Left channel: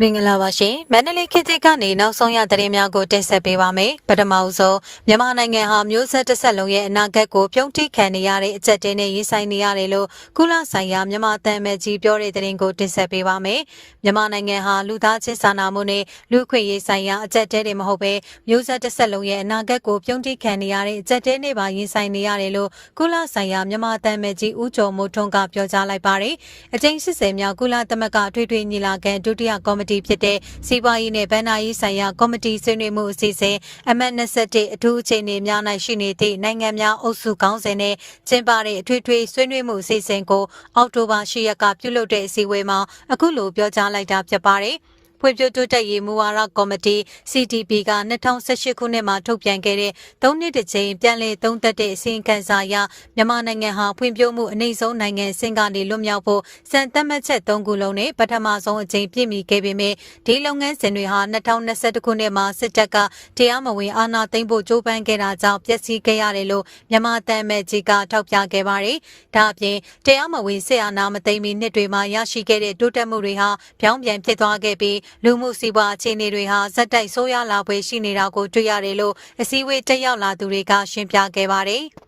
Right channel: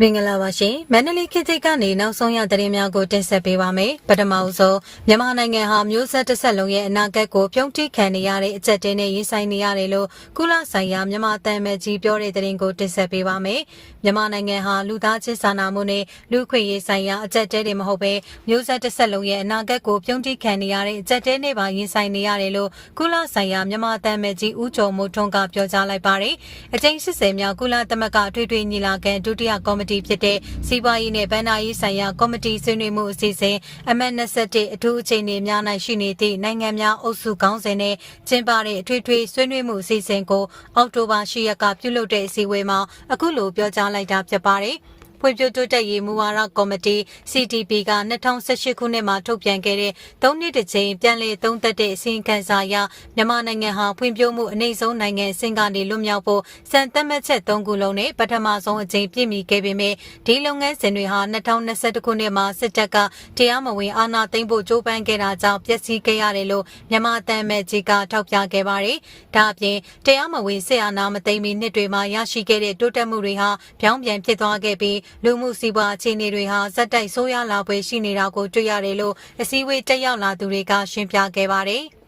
မင်္ဂလာပါရှင်မန္တလေးခေတ်သစ်ကနေနောက်ဆုံးရသတင်းများကိုတင်ဆက်ပေးပါမယ်ပထမအဆုံးမြန်မာနိုင်ငံဟာမျိုးဆက်တစ်ဆက်လုံးရဲ့အနာဂတ်ကိုပြုံးတိခံနေရတဲ့အကြက်တင်းနဲ့ရင်ဆိုင်နေရတယ်လို့ကုလဆိုင်ရာမြန်မာတန်မဲကြီးပြောတဲ့သတင်းကိုတင်ဆက်ပေးပါမယ်မြန်မာနိုင်ငံဟာလူသားချင်းစာနာမှုနဲ့လူခွင့်ရေးဆိုင်ရာအကြက်တဲတွေမဟုတ်ဘဲမျိုးဆက်တစ်ဆက်လုံးရဲ့အနာဂတ်ကိုပြုံးတိခံနေရတဲ့အကြက်တဲနဲ့ပါရင်ဆိုင်နေရတယ်လို့ကုလဆိုင်ရာမြန်မာတန်မဲကြီးဦးကျော်မိုးထွန်းကပြောကြားလိုက်ပါတယ်အကြိမ်80မြောက်ကုလသမဂ္ဂထွေထွေညီလာခံဒုတိယကော်မတီဖြစ်တဲ့စီးပွားရေးနဲ့ဗန်နာရေးဆိုင်ရာကော်မတီဆွေးနွေးမှုအစီအစဉ်အမှတ်21အထူးအချိန်တွေများ၌ရှိနေသည့်နိုင်ငံများအုပ်စုခေါင်းစဉ်နဲ့ကျင်းပတဲ့အထွေထွေဆွေးနွေးမှုအစီအစဉ်ကိုအောက်တိုဘာ10ရက်ကပြုလုပ်တဲ့အစည်းအဝေးမှာအခုလိုပြောကြားလိုက်တာဖြစ်ပါတယ်။ ဖွံ့ဖြိုးတိုးတက်ရေးမူဝါဒကော်မတီ CTP က2018ခုနှစ်မှာထုတ်ပြန်ခဲ့တဲ့၃နှစ်တစ်ချိန်ပြန်လည်သုံးသပ်တဲ့အစီရင်ခံစာအရမြန်မာနိုင်ငံဟာဖွံ့ဖြိုးမှုအနည်းဆုံးနိုင်ငံအဆင့်ကနေလွတ်မြောက်ဖို့စံသတ်မှတ်ချက်၃ခုလုံးနဲ့ပထမဆုံးအကြိမ်ပြည့်မီခဲ့ပေမဲ့ဒီလုပ်ငန်းစဉ်တွေဟာ2021ခုနှစ်မှာစစ်တပ်ကတရားမဝင်အာဏာသိမ်းဖို့ကြိုးပမ်းခဲ့တာကြောင့်ပျက်စီးခဲ့ရတယ်လို့မြန်မာတမ်းမဲ့ကြီးကထောက်ပြခဲ့ပါတယ်။ဒါအပြင်တရားမဝင်စစ်အာဏာမသိမ်းမီနှစ်တွေမှာရရှိခဲ့တဲ့တိုးတက်မှုတွေဟာပြောင်းပြန်ဖြစ်သွားခဲ့ပြီးလူမှုစီးပွားအခြေအနေတွေဟာဇက်တိုက်ဆိုးရွားလာပွဲရှိနေတာကိုတွေ့ရတယ်လို့အစည်းအဝေးတက်ရောက်လာသူတွေကရှင်းပြခဲ့ပါတယ်။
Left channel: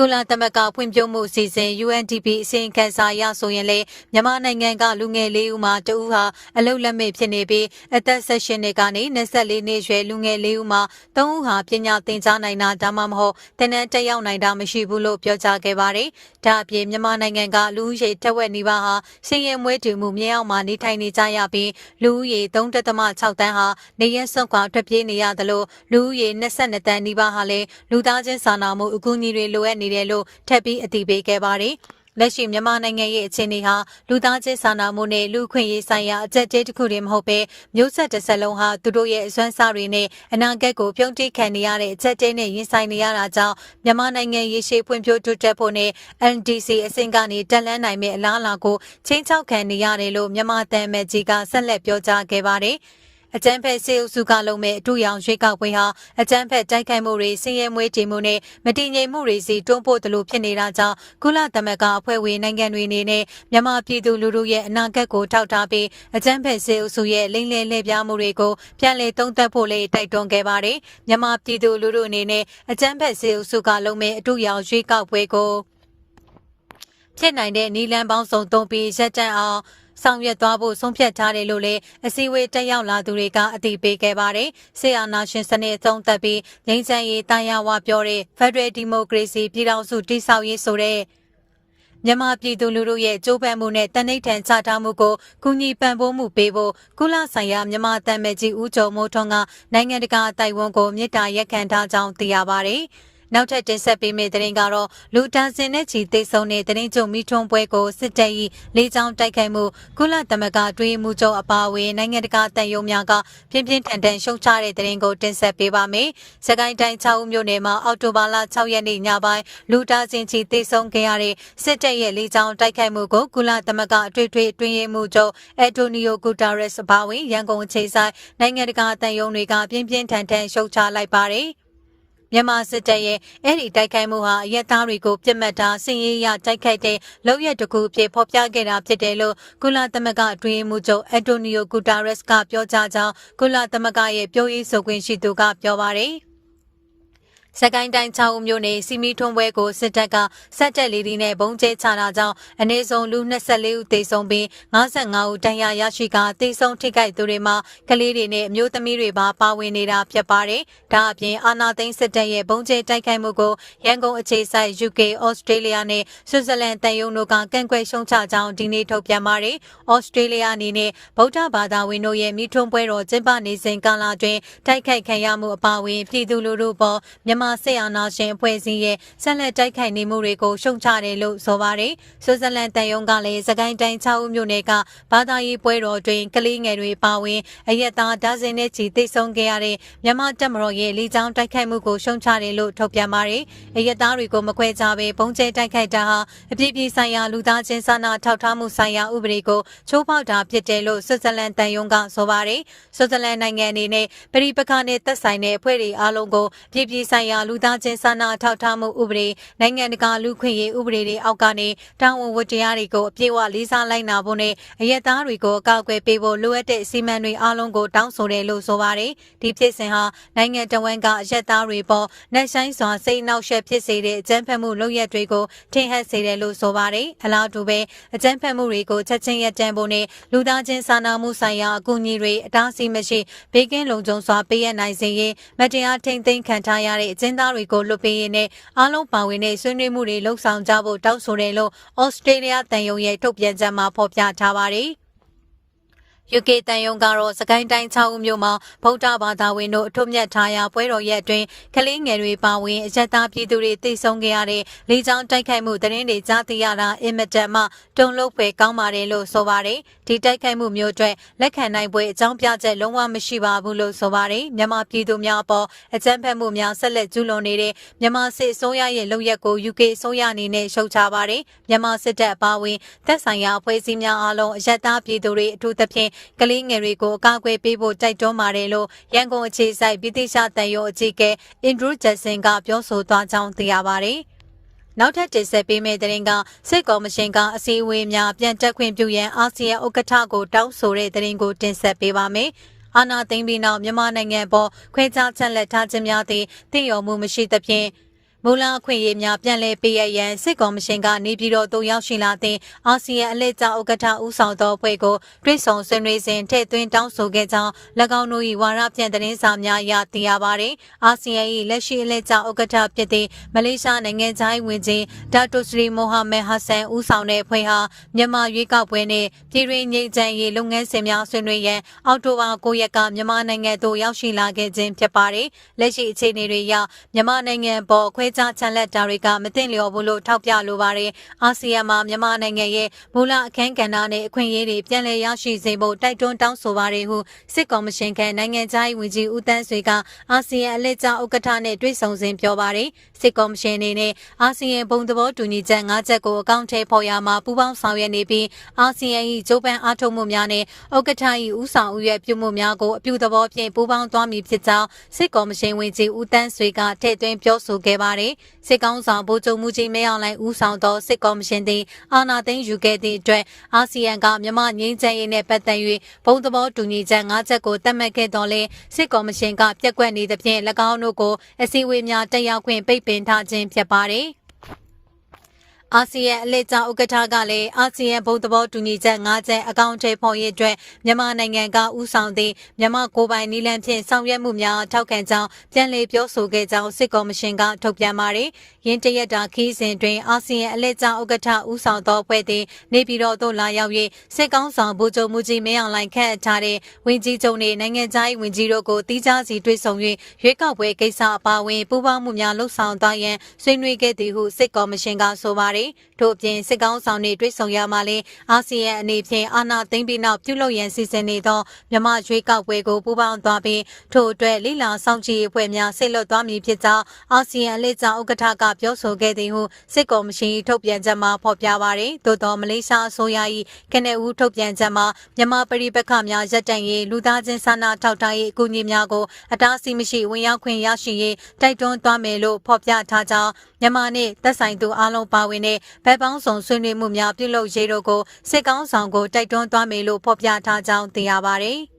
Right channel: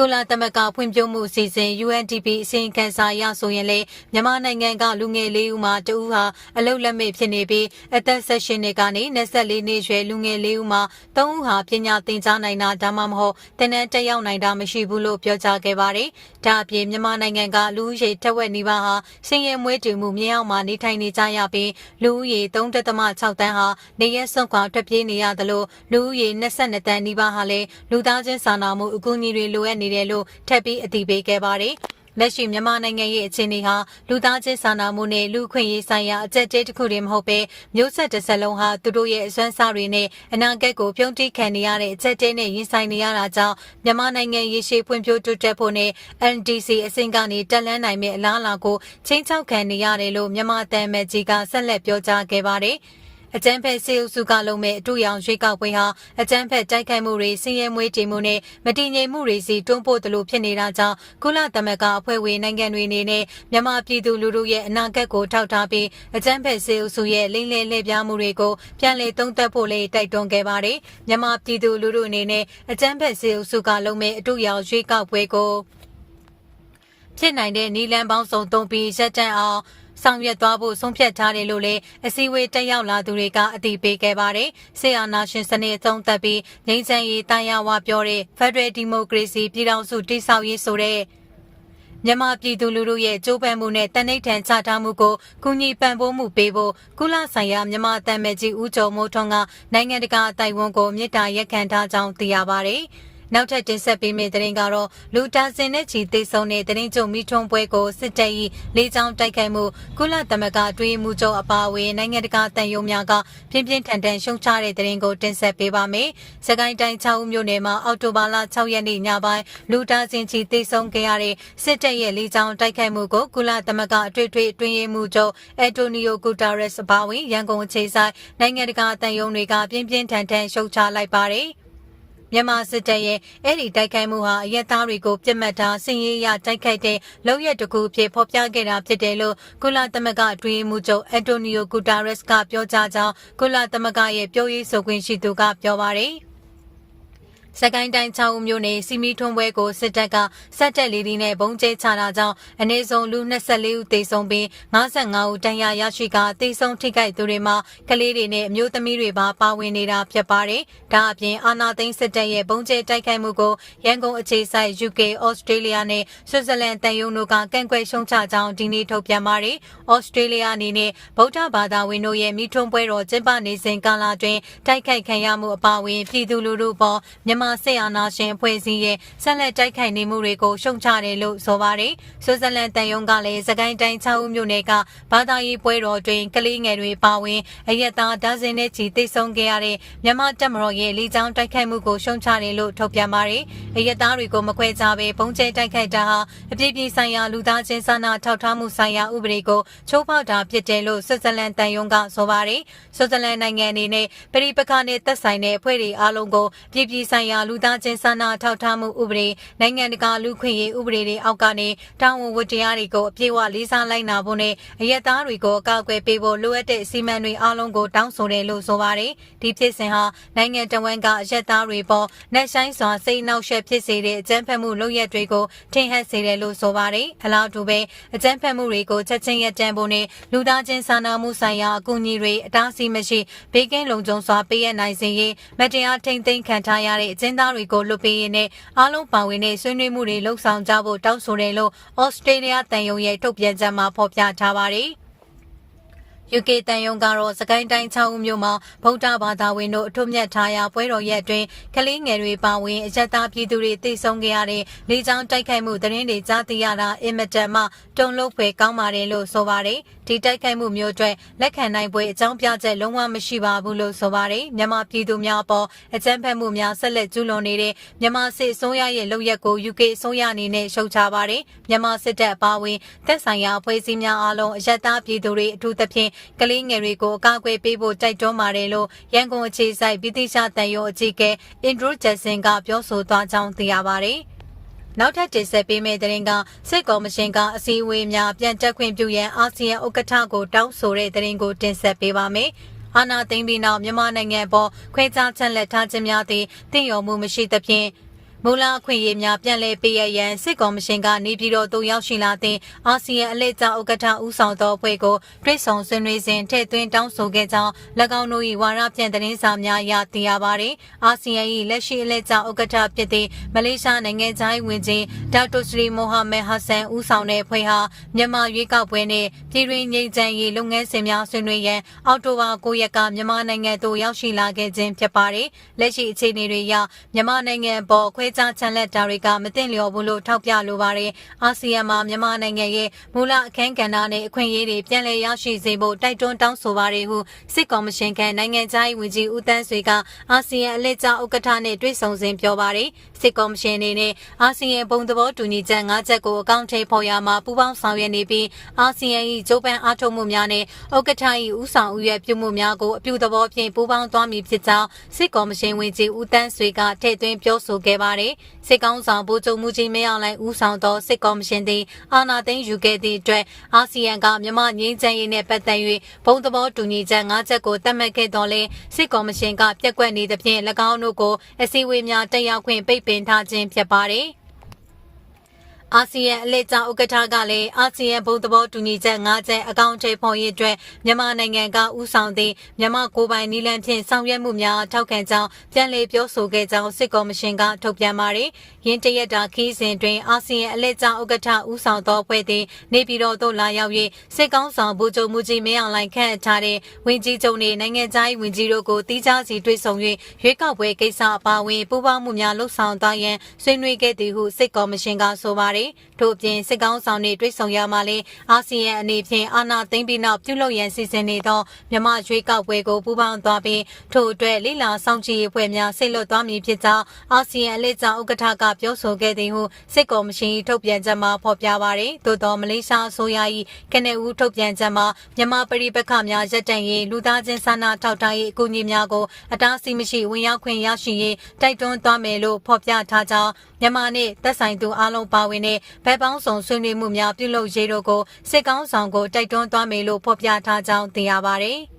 ကုလသမဂ္ဂဖွံ့ဖြိုးမှုအစီအစဉ် UNDP အစီရင်ခံစာအရဆိုရင်လေမြန်မာနိုင်ငံကလူငယ်လေးဦးမှာတဦးဟာအလုတ်လက်မဲ့ဖြစ်နေပြီးအသက်16နှစ်ကနေ24နှစ်ရွယ်လူငယ်လေးဦးမှာ3ဦးဟာပညာသင်ကြားနိုင်တာဒါမှမဟုတ်တင်နန်းတက်ရောက်နိုင်တာမရှိဘူးလို့ပြောကြားခဲ့ပါတယ်။ဒါအပြင်မြန်မာနိုင်ငံကလူဦးရေတစ်ဝက်နီးပါးဟာစင်ရဲမွေးတူမှုမြေအောက်မှာနေထိုင်နေကြရပြီးလူဦးရေ3.6တန်းဟာနေရက်စွန့်ခွာထွက်ပြေးနေရတယ်လို့လူဦးရေ22တန်းနီးပါးဟာလည်းလူသားချင်းစာနာမှုအကူအညီတွေလိုအပ်နေတယ်လို့ထပ်ပြီးအသိပေးခဲ့ပါတယ်။လက်ရှိမြန်မာနိုင်ငံရဲ့အခြေအနေဟာလူသားချင်းစာနာမှုနဲ့လူခွင့်ရေးဆိုင်ရာအကြက်တဲတစ်ခုတည်းမဟုတ်ပဲမျိုးဆက်တစ်ဆက်လုံးဟာသူတို့ရဲ့အစွမ်းစားတွေနဲ့အနာဂတ်ကိုပြုံးတိခံနေရတဲ့အကြက်တဲနဲ့ရင်ဆိုင်နေရတာကြောင့်မြန်မာနိုင်ငံရေရှည်ဖွံ့ဖြိုးတိုးတက်ဖို့နဲ့ NDC အဆင့်ကနေတက်လန်းနိုင်မယ့်အလားအလာကိုချင်းချောက်ခံနေရတယ်လို့မြန်မာတန်မကြီးကဆက်လက်ပြောကြားခဲ့ပါတယ်။ အကြမ်းဖက်စေအုပ်စုကလုံးမဲ့အတူရောင်ရွေးကောက်ပွဲဟာအကြမ်းဖက်တိုက်ခိုက်မှုတွေစင်ရဲမွေးတည်မှုနဲ့မတည်ငြိမ်မှုတွေစီတွန်းပို့တယ်လို့ဖြစ်နေတာကြောင့်ကုလသမဂ္ဂအဖွဲ့ဝင်နိုင်ငံတွေအနေနဲ့မြန်မာပြည်သူလူထုရဲ့အနာဂတ်ကိုထောက်ထားပြီးအကြမ်းဖက်စေအုပ်စုရဲ့လိမ့်လည်လှည့်ပြားမှုတွေကိုပြန်လည်သုံးသပ်ဖို့လေးတိုက်တွန်းခဲ့ပါတယ်မြန်မာပြည်သူလူထုအနေနဲ့အကြမ်းဖက်စေအုပ်စုကလုံးမဲ့အတူရောင်ရွေးကောက်ပွဲကိုဖြစ်နိုင်တဲ့နီလန်ပေါင်းစုံသုံးပြီးရက်တန့်အောင် ဆောင်ရွက်သွားဖို့ဆုံးဖြတ်ထားတယ်လို့လည်းအစည်းအဝေးတက်ရောက်လာသူတွေကအသိပေးခဲ့ပါတယ်။ဆေးအာနာရှင်စနစ်အဆုံးသတ်ပြီးငြိမ်းချမ်းရေးတာယာဝပြောတဲ့ Federal Democracy ပြည်ထောင်စုတည်ဆောက်ရေးဆိုတဲ့မြန်မာပြည်သူလူထုရဲ့ကြိုးပမ်းမှုနဲ့တနိဋ္ဌံချထားမှုကိုကူညီပံ့ပိုးမှုပေးဖို့ကုလဆိုင်ရာမြန်မာတန်မဲကြီးဦးကျော်မိုးထွန်းကနိုင်ငံတကာအတိုင်ဝန်ကိုမြစ်တာရက်ခံထားကြောင်းသိရပါတယ်။ နောက်ထပ်တင်ဆက်ပေးမယ့်သတင်းကတော့လူတန်းစင်နဲ့ချီသိဆုံးတဲ့သတင်းကြုံမိထွန်းပွဲကိုစစ်တပ်၏လေးချောင်းတိုက်ခိုက်မှုကုလသမဂ္ဂတွင်းမှုချုပ်အပါအဝင်နိုင်ငံတကာတန်ယုံများကပြင်းပြင်းထန်ထန်ရှုံချတဲ့သတင်းကိုတင်ဆက်ပေးပါမယ်။စကိုင်းတိုင်း6ဦးမြို့နယ်မှာအောက်တိုဘာလ6ရက်နေ့ညပိုင်းလူတန်းစင်ချီသိဆုံးခဲ့ရတဲ့စစ်တပ်ရဲ့လေးချောင်းတိုက်ခိုက်မှုကိုကုလသမဂ္ဂအထွေထွေတွင်းရေးမှုချုပ်အက်တိုနီယိုဂူတာရက်စ်အပါအဝင်ရန်ကုန်အခြေဆိုင်နိုင်ငံတကာတန်ယုံတွေကပြင်းပြင်းထန်ထန်ရှုံချလိုက်ပါတယ်။ မြန်မာစစ်တပ်ရဲ့အဲ့ဒီတိုက်ခိုက်မှုဟာအရက်သားတွေကိုပြစ်မှတ်ထားစင်ရေးရတိုက်ခိုက်တဲ့လောက်ရတစ်ခုအဖြစ်ဖော်ပြခဲ့တာဖြစ်တယ်လို့ကုလသမဂ္ဂအတွင်းမှုချုပ်အန်တိုနီယိုဂူတာရက်စ်ကပြောကြားကြောင်းကုလသမဂ္ဂရဲ့ပြောရေးဆိုခွင့်ရှိသူကပြောပါတယ်။ စကိုင်းတိုင်း6ဦးမြို့နယ်စီမီထွန်းပွဲကိုစစ်တပ်ကစက်တက်လီဒီနဲ့ဘုံကျဲချတာကြောင့်အနည်းဆုံးလူ24ဦးသေဆုံးပြီး55ဦးဒဏ်ရာရရှိကသေဆုံးထိခိုက်သူတွေမှာကလေးတွေနဲ့အမျိုးသမီးတွေပါပါဝင်နေတာဖြစ်ပါတယ်။ဒါအပြင်အာနာသိန်းစစ်တပ်ရဲ့ဘုံကျဲတိုက်ခိုက်မှုကိုရန်ကုန်အခြေစိုက် UK, Australia နဲ့ဆွစ်ဇာလန်တန်ယုံတို့ကကန့်ကွက်ရှုံချကြောင်းဒီနေ့ထုတ်ပြန်ပါတယ်။ Australia အနေနဲ့ဗုဒ္ဓဘာသာဝင်တို့ရဲ့မိထွန်းပွဲတော်ကျင်းပနေစဉ်ကာလတွင်တိုက်ခိုက်ခံရမှုအပါအဝင်ပြည်သူလူထုပေါ်မြန်မာမြန်မာစစ်အာဏာရှင်အဖွဲ့အစည်းရဲ့ဆက်လက်တိုက်ခိုက်နေမှုတွေကိုရှုံချတယ်လို့ဆိုပါတယ်။ဆွစ်ဇာလန်တန်ယုံကလည်းစကိုင်းတိုင်း6ဦးမြို့နယ်ကဘာသာရေးပွဲတော်တွင်ကလေးငယ်တွေပါဝင်အရက်သားဒဇင်နဲ့ချီတိတ်ဆုံးခဲ့ရတဲ့မြန်မာတပ်မတော်ရဲ့လေကြောင်းတိုက်ခိုက်မှုကိုရှုံချတယ်လို့ထုတ်ပြန်ပါတယ်။အရက်သားတွေကိုမခွဲခြားဘဲပုံကျဲတိုက်ခိုက်တာဟာအပြည့်ပြည့်ဆိုင်ရာလူသားချင်းစာနာထောက်ထားမှုဆိုင်ရာဥပဒေကိုချိုးဖောက်တာဖြစ်တယ်လို့ဆွစ်ဇာလန်တန်ယုံကဆိုပါတယ်။ဆွစ်ဇာလန်နိုင်ငံအနေနဲ့ပြည်ပခါနဲ့သက်ဆိုင်တဲ့အဖွဲ့တွေအားလုံးကိုပြည်ပြည့်ဆိုင်ရာရာလူသားချင်းစာနာထောက်ထားမှုဥပဒေနိုင်ငံတကာလူခွင့်ရေးဥပဒေတွေအောက်ကနေတာဝန်ဝတ္တရားတွေကိုအပြည့်အဝလေးစားလိုက်နာဖို့နဲ့အရက်သားတွေကိုအကာအကွယ်ပေးဖို့လိုအပ်တဲ့စီမံတွေအားလုံးကိုတောင်းဆိုတယ်လို့ဆိုပါတယ်။ဒီဖြစ်စဉ်ဟာနိုင်ငံတော်ဝန်ကအရက်သားတွေပေါ်နှက်ဆိုင်စွာစိတ်နှောက်ယှက်ဖြစ်စေတဲ့အကြမ်းဖက်မှုလုပ်ရက်တွေကိုထင်ဟပ်စေတယ်လို့ဆိုပါတယ်။အလားတူပဲအကြမ်းဖက်မှုတွေကိုချက်ချင်းရပ်တန့်ဖို့နဲ့လူသားချင်းစာနာမှုဆိုင်ရာအကူအညီတွေအတားအဆီးမရှိဘေးကင်းလုံခြုံစွာပေးအပ်နိုင်စေရေးမတရားထိန်သိမ်းခံထားရတဲ့အကျဉ်းသားတွေကိုလွတ်ပေးရေးနဲ့အားလုံးပါဝင်တဲ့ဆွေးနွေးမှုတွေလှုပ်ဆောင်ကြဖို့တောင်းဆိုတယ်လို့ဩစတြေးလျတန်ယုံရဲ့ထုတ်ပြန်ချက်မှာဖော်ပြထားပါတယ်။ UK တန်ယုံကတော့စကိုင်းတိုင်း6ဦးမြို့မှာဗုဒ္ဓဘာသာဝင်တို့အထွတ်မြတ်ထားရာပွဲတော်ရက်အတွင်းကလေးငယ်တွေပါဝင်အရက်သားပြည်သူတွေတိတ်ဆုံးခဲ့ရတဲ့လေကြောင်းတိုက်ခိုက်မှုသတင်းတွေကြားသိရတာအင်မတန်မှတုံ့လို့ဖွယ်ကောင်းပါတယ်လို့ဆိုပါတယ်ဒီတိုက်ခိုက်မှုမျိုးအတွက်လက်ခံနိုင်ပွဲအကြောင်းပြချက်လုံးဝမရှိပါဘူးလို့ဆိုပါတယ်မြန်မာပြည်သူများအပေါ်အကြမ်းဖက်မှုများဆက်လက်ကျူးလွန်နေတဲ့မြန်မာစစ်အစိုးရရဲ့လုပ်ရက်ကို UK အစိုးရအနေနဲ့ရှုတ်ချပါတယ်မြန်မာစစ်တပ်အပါအဝင်တပ်ဆိုင်ရာအဖွဲ့အစည်းများအားလုံးအရက်သားပြည်သူတွေအထူးသဖြင့်ကလေးငယ်တွေကိုအကာအကွယ်ပေးဖို့တိုက်တွန်းပါတယ်လို့ရန်ကုန်အခြေစိုက်ပြည်သိရှာတန်ရုံအကြီးအကဲအင်ဒရူးဂျက်ဆင်ကပြောဆိုသွားကြောင်းသိရပါတယ်။နောက်ထပ်တင်ဆက်ပေးမယ့်တဲ့ရင်ကစစ်ကော်မရှင်ကအစည်းအဝေးများပြန်တက်ခွင့်ပြုရန်အာဆီယံဥက္ကဋ္ဌကိုတောင်းဆိုတဲ့တဲ့ရင်ကိုတင်ဆက်ပေးပါမယ်။အာနာသိမ့်ပြီးနောက်မြန်မာနိုင်ငံပေါ်ခွဲခြားချက်လက်ထားခြင်းများသည့်တင့်ရော်မှုမရှိသဖြင့် မူလအခွင့်အရေးများပြန်လည်ပေးရရန် စစ်ကော်မရှင်ကနေပြည်တော်သို့ရောက်ရှိလာတဲ့အာဆီယံအလှည့်ကျဥက္ကဋ္ဌဦးဆောင်သောအဖွဲ့ကိုတွိတ်ဆုံဆွေးနွေးစဉ်ထည့်သွင်းတောင်းဆိုခဲ့ကြောင်း၎င်းတို့၏ဝါရပြန်သတင်းစာများအရသိရပါသည်အာဆီယံ၏လက်ရှိအလှည့်ကျဥက္ကဋ္ဌဖြစ်သည့်မလေးရှားနိုင်ငံသားဝင်ကြီးဒါတိုစရီမိုဟာမက်ဟာဆန်ဦးဆောင်တဲ့အဖွဲ့ဟာမြန်မာရွေးကောက်ပွဲနှင့်ပြည်တွင်းငြိမ်းချမ်းရေးလုပ်ငန်းစဉ်များဆွေးနွေးရန်အောက်တိုဘာ9ရက်ကမြန်မာနိုင်ငံသို့ရောက်ရှိလာခဲ့ခြင်းဖြစ်ပါတယ်လက်ရှိအခြေအနေတွေအရမြန်မာနိုင်ငံပေါ်ခွဲခြားချန်လက်တာတွေကမသိလျော်ဘူးလို့ထောက်ပြလိုပါတယ်။အာဆီယံမှာမြန်မာနိုင်ငံရဲ့မူလအခမ်းကဏ္ဍနဲ့အခွင့်အရေးတွေပြန်လည်ရရှိစေဖို့တိုက်တွန်းတောင်းဆိုပါတယ်ဟုစစ်ကော်မရှင်ကနိုင်ငံသားရေးဝန်ကြီးဦးတန်းဆွေကအာဆီယံအလှည့်ကျဥက္ကဋ္ဌနဲ့တွေ့ဆုံစဉ်ပြောပါတယ်။စစ်ကော်မရှင်အနေနဲ့အာဆီယံဘုံသဘောတူညီချက်၅ချက်ကိုအကောင့်ထဲပေါ်ရမှာပူးပေါင်းဆောင်ရွက်နေပြီးအာဆီယံ၏ဂျိုးပန်အားထုတ်မှုများနဲ့ဥက္ကဋ္ဌ၏ဦးဆောင်ဦးရွက်ပြုမှုများကိုအပြုသဘောဖြင့်ပူးပေါင်းသွားမည်ဖြစ်ကြောင်းစစ်ကော်မရှင်ဝန်ကြီးဦးတန်းဆွေကထည့်သွင်းပြောဆိုခဲ့ပါတယ်။စစ်ကောင်းဆောင်ဗိုလ်ချုပ်မှုကြီးမဲအောင်လှိုင်ဦးဆောင်သောစစ်ကော်မရှင်သည်အာဏာသိမ်းယူခဲ့သည့်အတွက်အာဆီယံကမြန်မာငြိမ်းချမ်းရေးနှင့်ပတ်သက်၍ဘုံသဘောတူညီချက်၅ချက်ကိုသတ်မှတ်ခဲ့တော်လဲစစ်ကော်မရှင်ကပြက်ကွက်နေသဖြင့်၎င်းတို့ကိုအစည်းအဝေးများတက်ရောက်ခွင့်ပိတ်ပင်ထားခြင်းဖြစ်ပါတယ်။ အာဆီယံအလှည့်ကျဥက္ကဋ္ဌကလည်းအာဆီယံဘုံသဘောတူညီချက်၅ချက်အကောင့်ထဲပေါ်ရေးအတွက်မြန်မာနိုင်ငံကဥဆောင်သည့်မြန်မာကိုယ်ပိုင်နည်းလမ်းဖြင့်ဆောင်ရွက်မှုများထောက်ခံကြောင်းပြန်လည်ပြောဆိုခဲ့ကြောင်းစစ်ကော်မရှင်ကထုတ်ပြန်ပါတယ်။ရင်းတရက်တာခီးစဉ်တွင်အာဆီယံအလှည့်ကျဥက္ကဋ္ဌဥဆောင်သောအဖွဲ့သည်နေပြည်တော်သို့လာရောက်၍စစ်ကောင်းဆောင်ဗိုလ်ချုပ်မှုကြီးမင်းအောင်လှိုင်ခန့်အပ်ထားတဲ့ဝင်ကြီးချုပ်နှင့်နိုင်ငံသားရေးဝင်ကြီးတို့ကိုတီးခြားစီတွေ့ဆုံ၍ရွေးကောက်ပွဲကိစ္စအပါအဝင်ပူးပေါင်းမှုများလှုပ်ဆောင်သွားရန်ဆွေးနွေးခဲ့သည်ဟုစစ်ကော်မရှင်ကဆိုပါတယ်ပါတယ်။ထို့အပြင်စစ်ကောင်းဆောင်တွေတွေ့ဆုံရမှာလဲအာဆီယံအနေဖြင့်အာဏာသိမ်းပြီးနောက်ပြုလုပ်ရန်စီစဉ်နေသောမြမရွေးကောက်ပွဲကိုပူးပေါင်းသွားပြီးထို့အတွက်လိလာဆောင်ကြည့်အဖွဲ့များဆိတ်လွတ်သွားမည်ဖြစ်ကြောင်းအာဆီယံအလှည့်ကျဥက္ကဋ္ဌကပြောဆိုခဲ့သည်ဟုစစ်ကော်မရှင်ထုတ်ပြန်ချက်မှာဖော်ပြပါရယ်။သို့သောမလေးရှားအစိုးရ၏ကနေဦးထုတ်ပြန်ချက်မှာမြမပရိပခများရပ်တန့်ရေးလူသားချင်းစာနာထောက်ထားရေးအကူအညီများကိုအတားအဆီးမရှိဝင်ရောက်ခွင့်ရရှိရေးတိုက်တွန်းသွားမယ်လို့ဖော်ပြထားကြောင်းမြန်မာနှင့်သက်ဆိုင်သူအလုံးပါဝင်တဲ့ဘက်ပေါင်းစုံဆွေးနွေးမှုများပြုလုပ်ရေးတို့ကိုစစ်ကောင်းဆောင်ကိုတိုက်တွန်းသွားမယ်လို့ဖော်ပြထားကြောင်းသိရပါတယ်။